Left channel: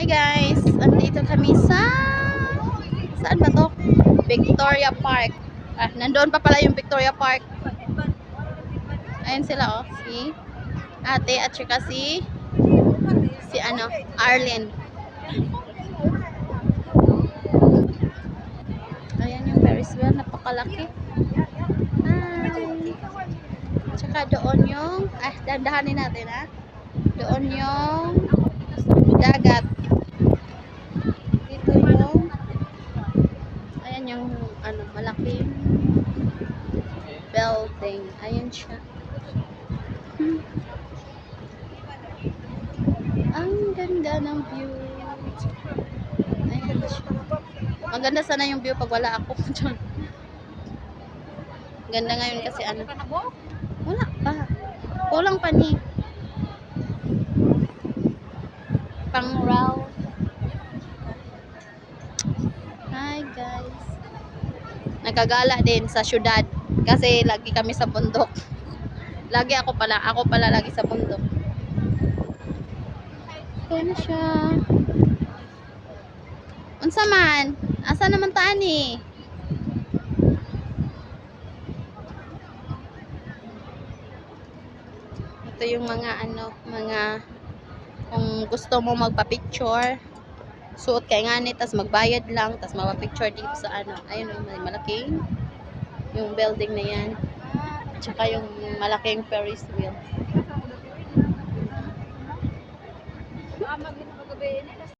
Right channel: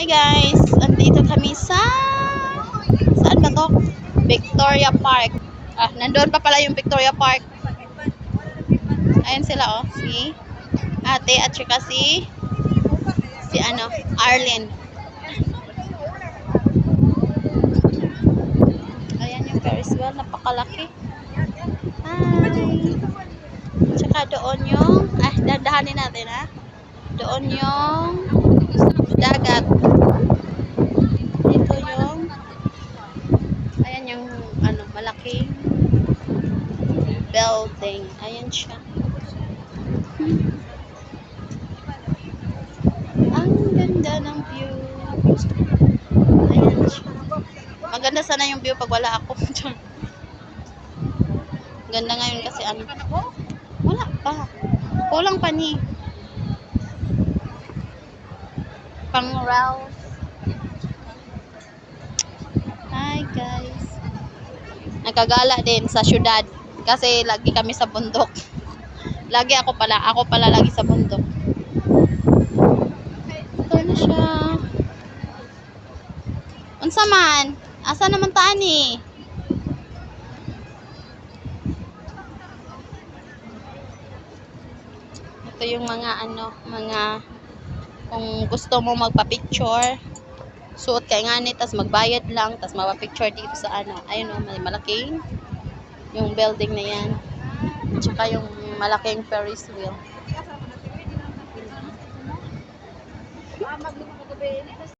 Hi guys, andito kami sa saan ba to? Victoria Park. Nandoon pa pala yung Victoria Park. Ayun sila si ate at saka si Arlen. Ayan yung Ferris wheel, napakalaki. Hi. Tsaka doon yung dandahanin natin Doon yung dagat. Dito yung ayan yung malaking building. Ayan siya. Ang ganda ng view. Ayan siya. Maganda sana yung view pag wala ako. Ganda ngayon kasi wala pa. Kulang pa ni. Pang Ralph. Hi guys. Nagkagala din sa syudad kasi lagi kami sa bundok. Ako pala lagi sa bundok. Ito na siya. Unsa man? Asa naman taan ni? Ito yung mga kung gusto mo magpa-picture, suot kay ngani tas magbayad lang tas mapa-picture dito sa ayun may malaking yung building na yan. Tsaka yung malaking Ferris wheel.